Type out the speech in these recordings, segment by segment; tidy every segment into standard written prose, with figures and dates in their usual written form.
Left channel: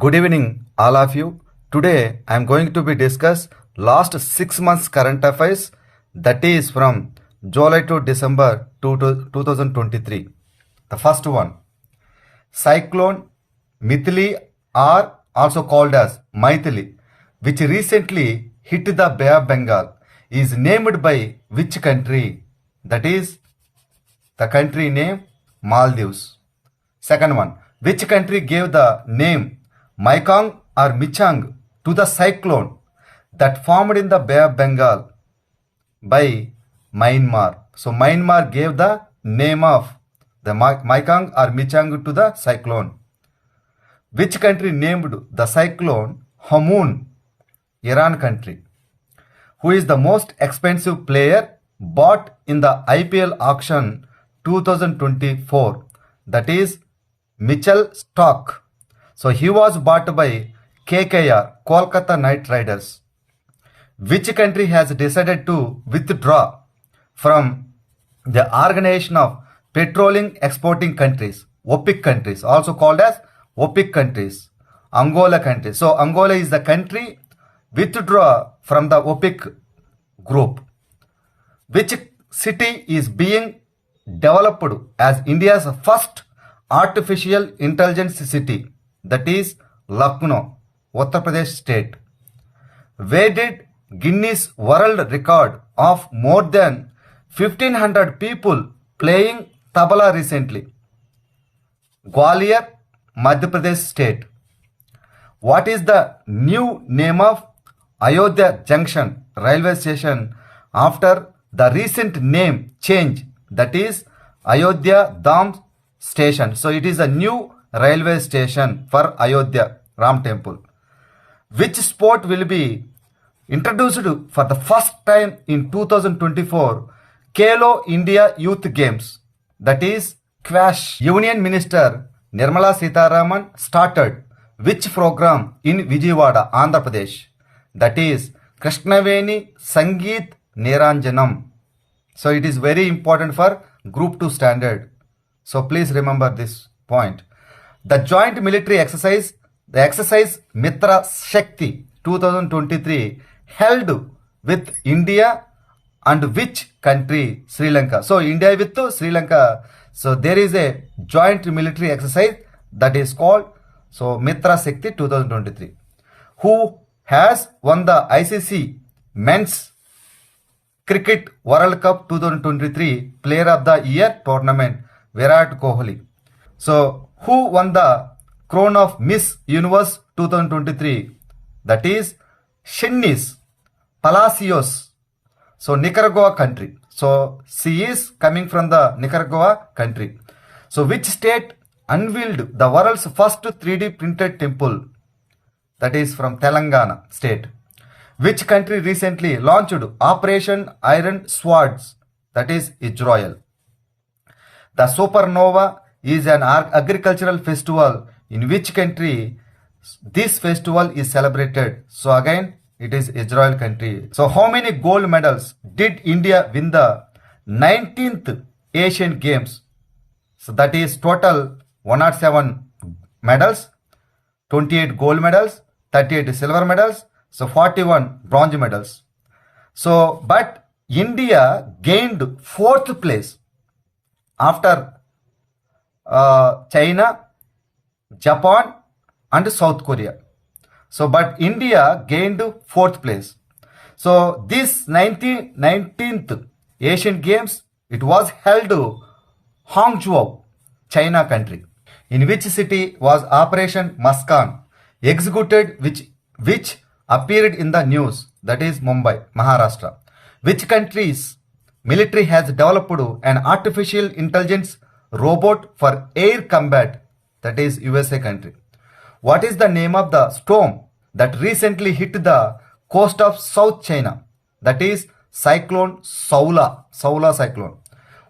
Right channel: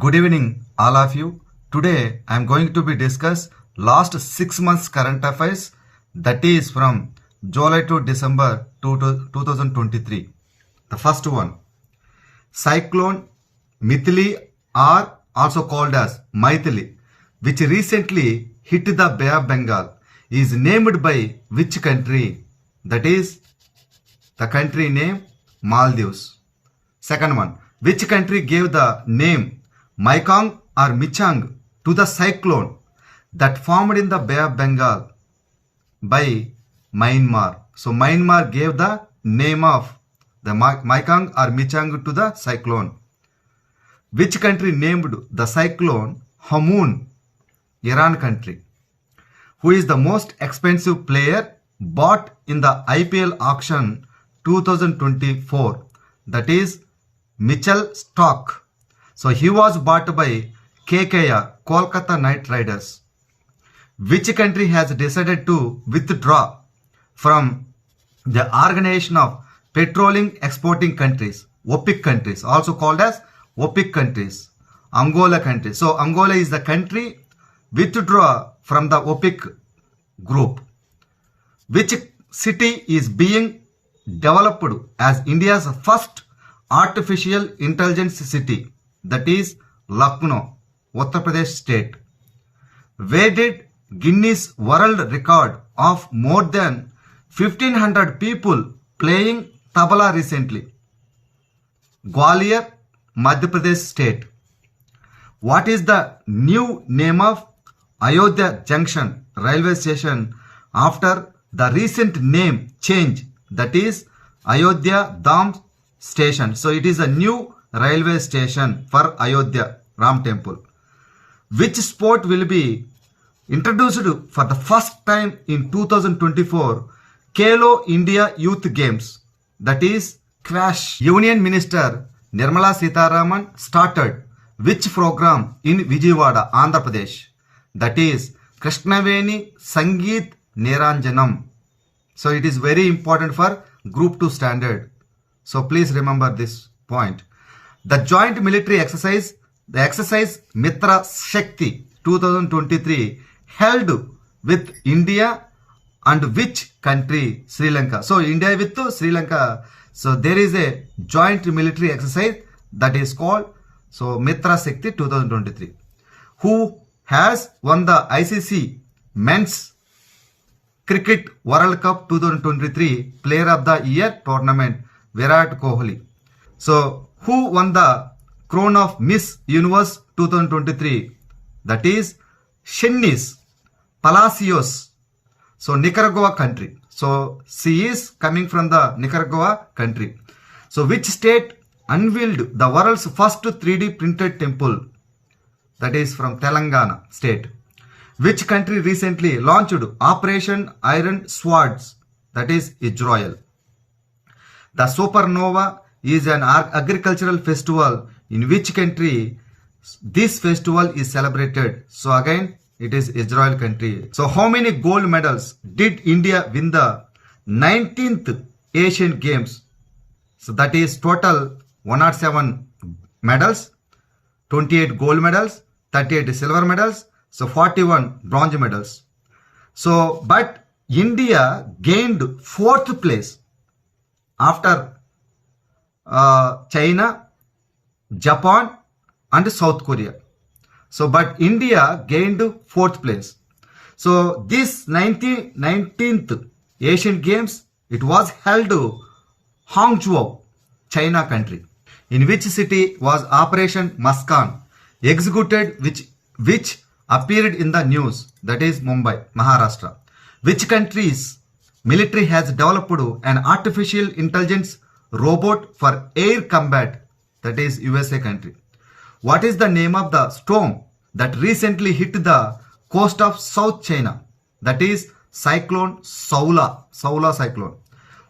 Good evening, all of you. Today I am going to be discuss last 6 months current affairs, that is from July to December 2023. The first one, cyclone Mithili, or also called as Maithili, which recently hit the Bay of Bengal, is named by which country? That is the country name Maldives. Second one, which country gave the name Mekong or Michang to the cyclone that formed in the Bay of Bengal? By Myanmar. So Myanmar gave the name of the Mekong or Michang to the cyclone. Which country named the cyclone Hamoon? Iran country. Who is the most expensive player bought in the IPL auction 2024? That is Mitchell Starc. So he was bought by KKR, Kolkata Knight Riders. Which country has decided to withdraw from the Organization of Petroleum Exporting Countries, OPEC countries, also called as OPEC countries? Angola country. So Angola is the country withdraw from the OPEC group. Which city is being developed as India's first artificial intelligence city? That is Lucknow, Uttar Pradesh state. Where did Guinness World Record of more than 1500 people playing tabla recently? Gwalior, Madhya Pradesh state. What is the new name of Ayodhya Junction railway station after the recent name change? That is Ayodhya Dham station. So it is a new railway station for Ayodhya Ram temple. Which sport will be introduced for the first time in 2024 Khelo India Youth Games? That is Squash. Union Minister Nirmala Sitharaman started which program in Vijayawada, Andhra Pradesh? That is Krishnaveni Sangeet Niranjanam. So it is very important for Group 2 standard. So please remember this point. The joint military exercise, the exercise Mitra Shakti 2023, held with India and which country? Sri Lanka. So India with Sri Lanka. So there is a joint military exercise that is called Mitra Shakti 2023. Who has won the ICC Men's Cricket World Cup 2023 Player of the Year tournament? Virat Kohli. So who won the crown of Miss Universe 2023? That is Shanice Palacios. So Nicaragua country. So she is coming from the Nicaragua country. So which state unveiled the world's first 3D printed temple? That is from Telangana state. Which country recently launched Operation Iron Swords? That is Israel. The supernova is an agricultural festival in which country this festival is celebrated? So again, it is Israel country. So how many gold medals did India win the 19th Asian Games? So that is total 107 medals, 28 gold medals, 38 silver medals, so 41 bronze medals. So but India gained 4th place after China, Japan and South Korea. So but India gained 4th place. So this 19th Asian Games, it was held Hangzhou, China country. In which city was Operation Muskaan executed, which appeared in the news? That is Mumbai, Maharashtra. Which country's military has developed an artificial intelligence robot for air combat? That is USA country. What is the name of the storm that recently hit the coast of South China? That is Cyclone Saula cyclone.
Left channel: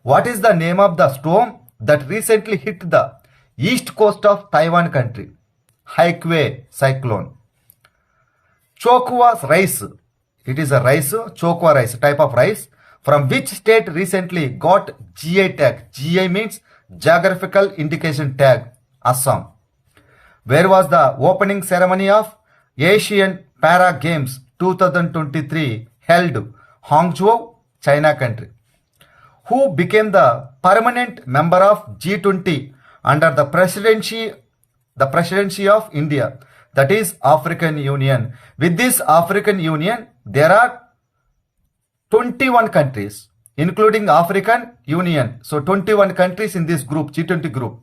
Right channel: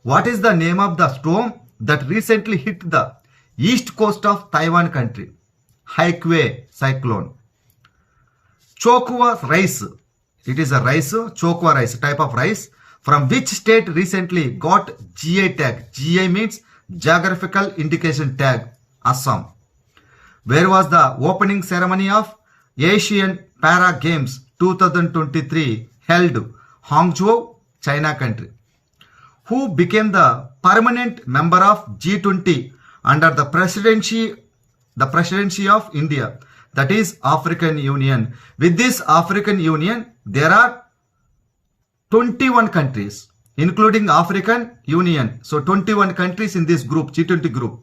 What is the name of the storm that recently hit the east coast of Taiwan country? Haikui cyclone. Chokwa rice It is a rice, chokwa rice, type of rice. From which state recently got GI tag? GI means Geographical Indication Tag, Assam. Where was the opening ceremony of Asian Para Games 2023 held? Hangzhou, China country. Who became the permanent member of G20 under the presidency of India, that is African Union. With this African Union, there are 21 countries, including African Union. So 21 countries in this group, G20 group.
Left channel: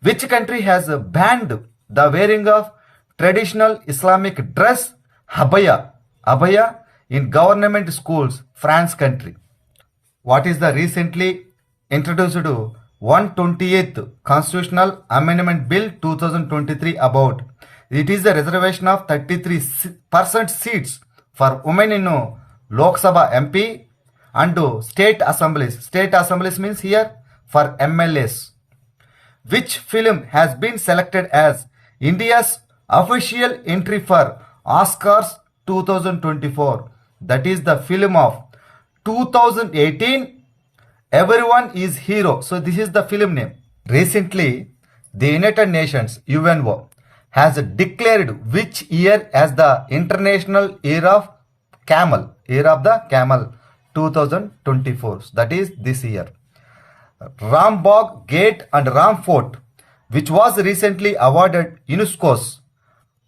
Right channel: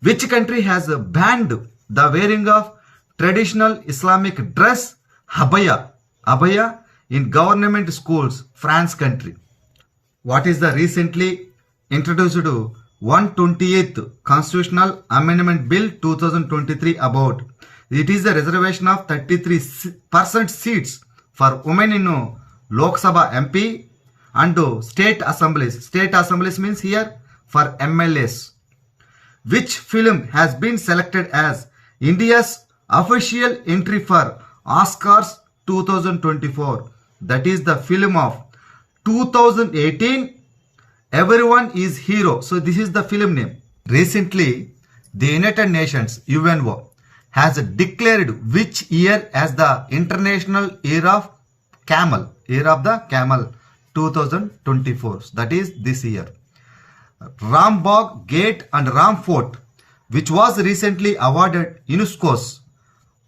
Which country has banned the wearing of traditional Islamic dress, abaya in government schools? France country. What is the recently introduced 128th Constitutional Amendment Bill 2023 about? It is the reservation of 33% seats for women in Lok Sabha MP and state assemblies. State assemblies means here for MLAs. Which film has been selected as India's official entry for Oscars 2024? That is the film of 2018, Everyone is Hero. So this is the film name. Recently, the United Nations, UNO, has declared which year as the International Year of Camel, Year of the Camel 2024. That is this year. Rambagh Gate and Ram Fort, which was recently awarded UNESCO's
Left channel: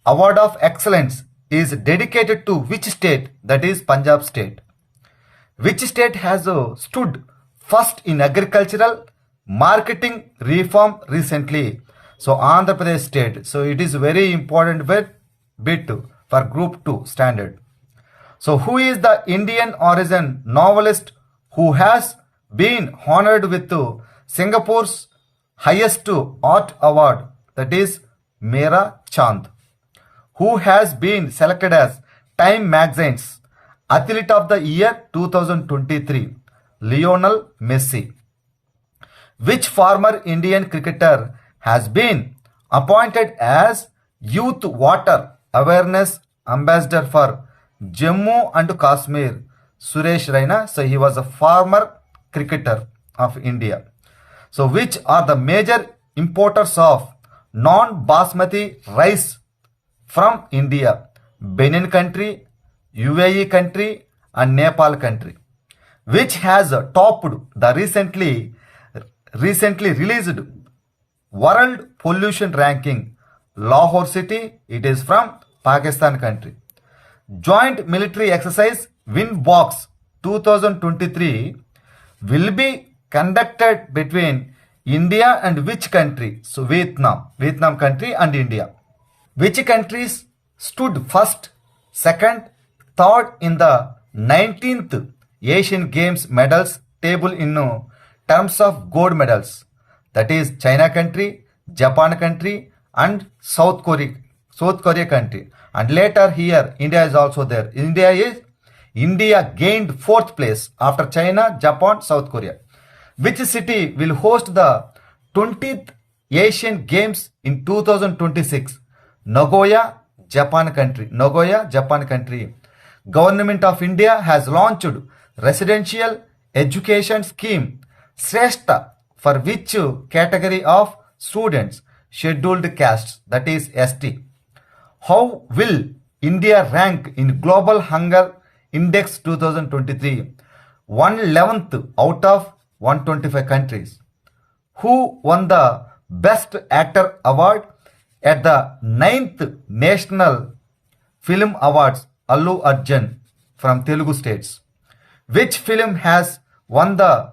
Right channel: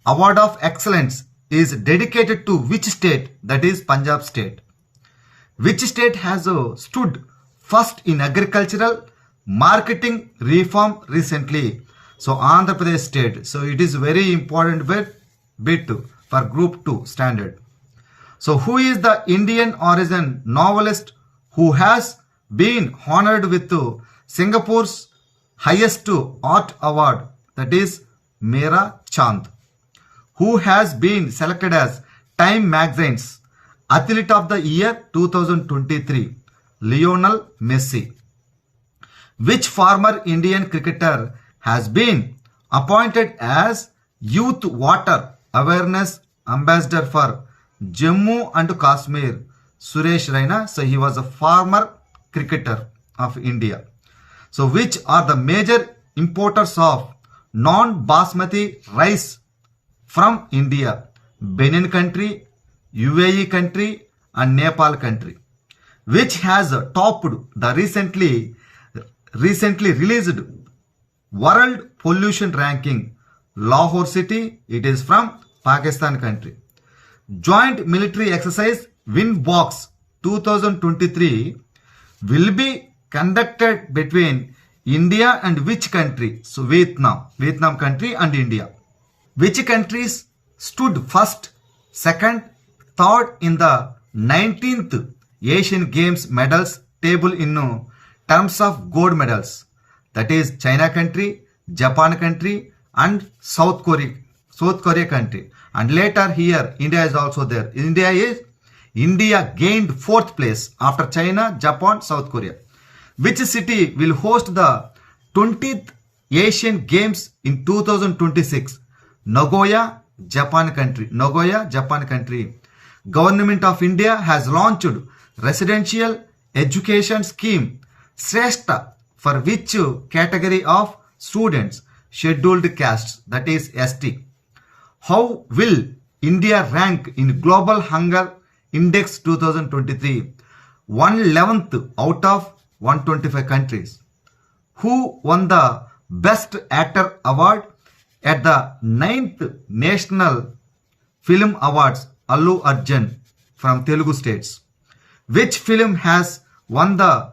Award of Excellence, is dedicated to which state? That is Punjab state. Which state has stood first in agricultural marketing reform recently? So Andhra Pradesh state. So it is very important bit for group 2 standard. So who is the Indian origin novelist who has been honored with Singapore's highest art award, that is Mera Chand? Who has been selected as Time Magazine's Athlete of the Year 2023? Lionel Messi. Which former Indian cricketer has been appointed as Youth Water Awareness Ambassador for Jammu and Kashmir? Suresh Raina. So he was a former cricketer of India. So which are the major importers of non-basmati rice from India? Benin country, UAE country and Nepal country. Which has topped the recently released World Pollution Ranking? Lahore city, it is from Pakistan country. Joint military exercise Windbox 2023 will be conducted between India and which country? So Vietnam country and India. Which countries stood first, second, third in the 19th Asian Games medals table in terms of gold medals? That is China country, Japan country and South Korea country. And later here India is also there. India gained 4th place after China, Japan, South Korea. Which city will host the 20th Asian Games in 2026? Nagoya, Japan country. Government of India has launched residential education scheme Shrestha for which category of students? Scheduled castes, that is ST. How will India rank in Global Hunger Index 2023? 111th out of 125 countries. Who won the Best Actor Award at the 9th National Film Awards? Allu Arjun from Telugu states. Which film has won the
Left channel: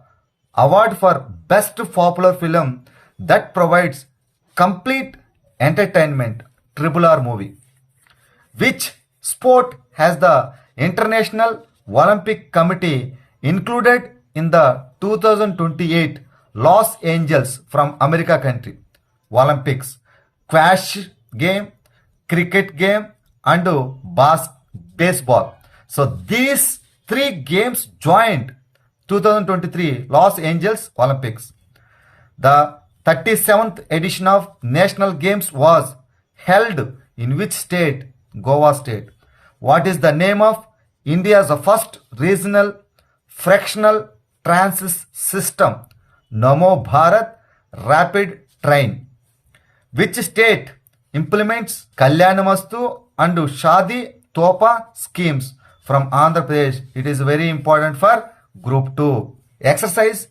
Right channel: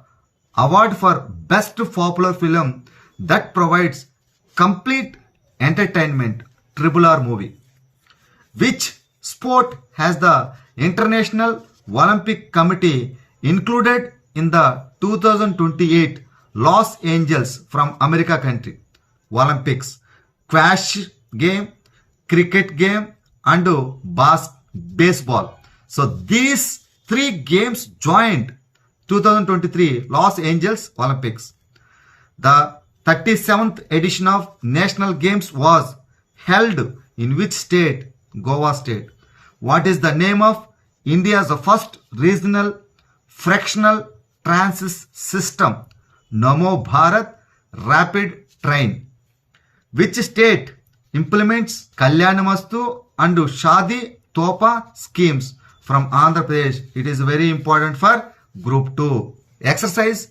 award for Best Popular Film that provides complete entertainment? RRR movie. Which sport has the International Olympic Committee included in the 2028 Los Angeles from America country Olympics? Squash game, cricket game and baseball. So these 3 games joined 2023 Los Angeles Olympics. The 37th edition of National Games was held in which state? Goa state. What is the name of India's first regional fractional transit system, Namo Bharat Rapid Train. Which state implements Kalyanamastu and Shadi Topa schemes from Andhra Pradesh? It is very important for Group 2. Exercise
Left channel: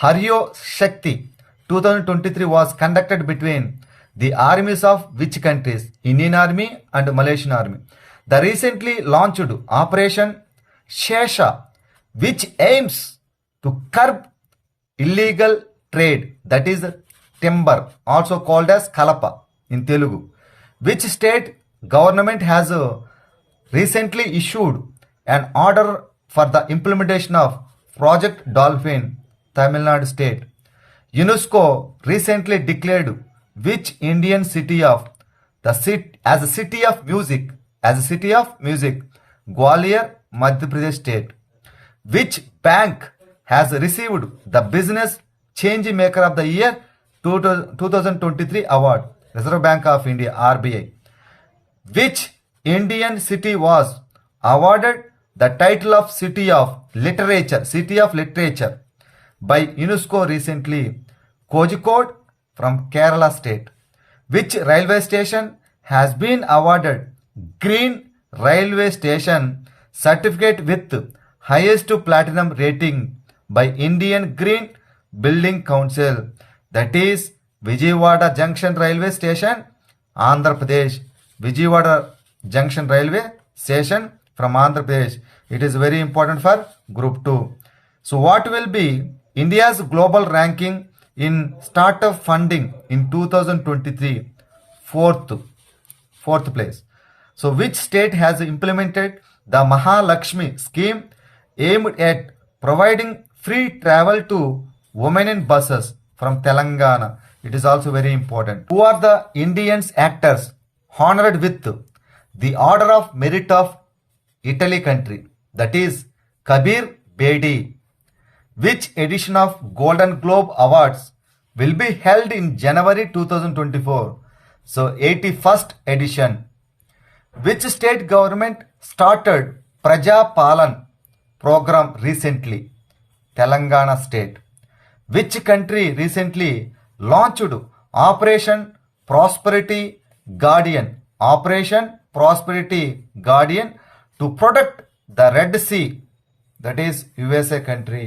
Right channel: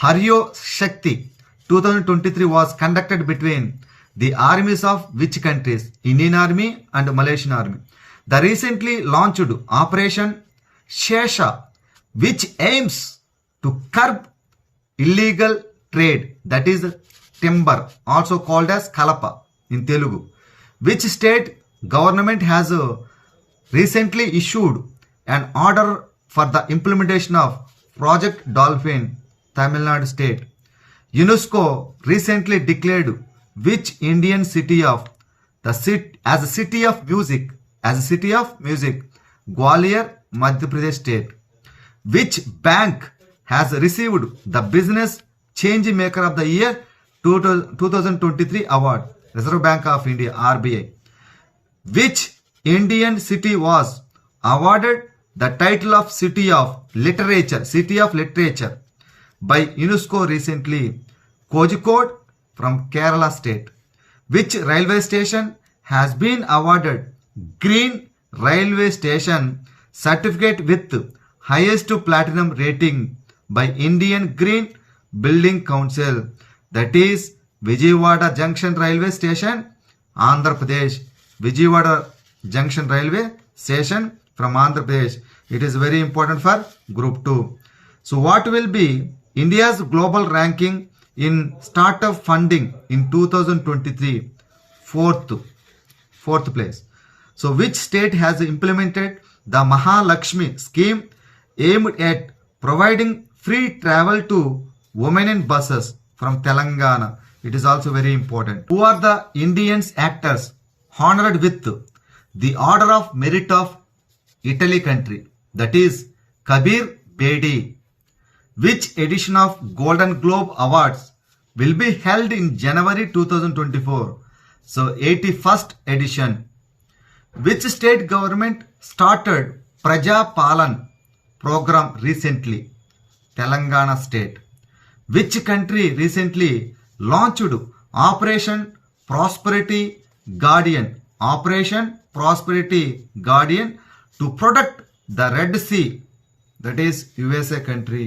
Haryo Shakti 2023 was conducted between the armies of which countries? Indian Army and Malaysian Army. The recently launched Operation Shesha, which aims to curb illegal trade, that is timber, also called as Kalapa in Telugu. Which state government has recently issued an order for the implementation of Project Dolphin, Tamil Nadu state. UNESCO recently declared which Indian city of the city as a city of music, Gwalior, Madhya Pradesh state. Which bank has received the Business Change Maker of the Year 2023 award? Reserve Bank of India, RBI. Which Indian city was awarded the title of City of Literature by UNESCO recently? Kozhikode from Kerala state. Which railway station has been awarded Green Railway Station certificate with highest platinum rating by Indian Green Building Council? That is Vijayawada Junction Railway Station, Andhra Pradesh. Vijayawada Junction Railway Station from Andhra Pradesh. It is very important for Group 2. So what will be India's global ranking in startup funding in 2023? Fourth place. So which state has implemented the Mahalakshmi scheme aimed at providing free travel to women in buses? From Telangana. It is also very important. Who are the Indian actors honored with the Order of Merit of Italy country? That is Kabir Bedi. Which edition of Golden Globe Awards will be held in January 2024? So 81st edition. Which state government started Praja Palan program recently? Telangana state. Which country recently launched Operation Prosperity Guardian? Operation Prosperity Guardian to protect the Red Sea. That is USA country.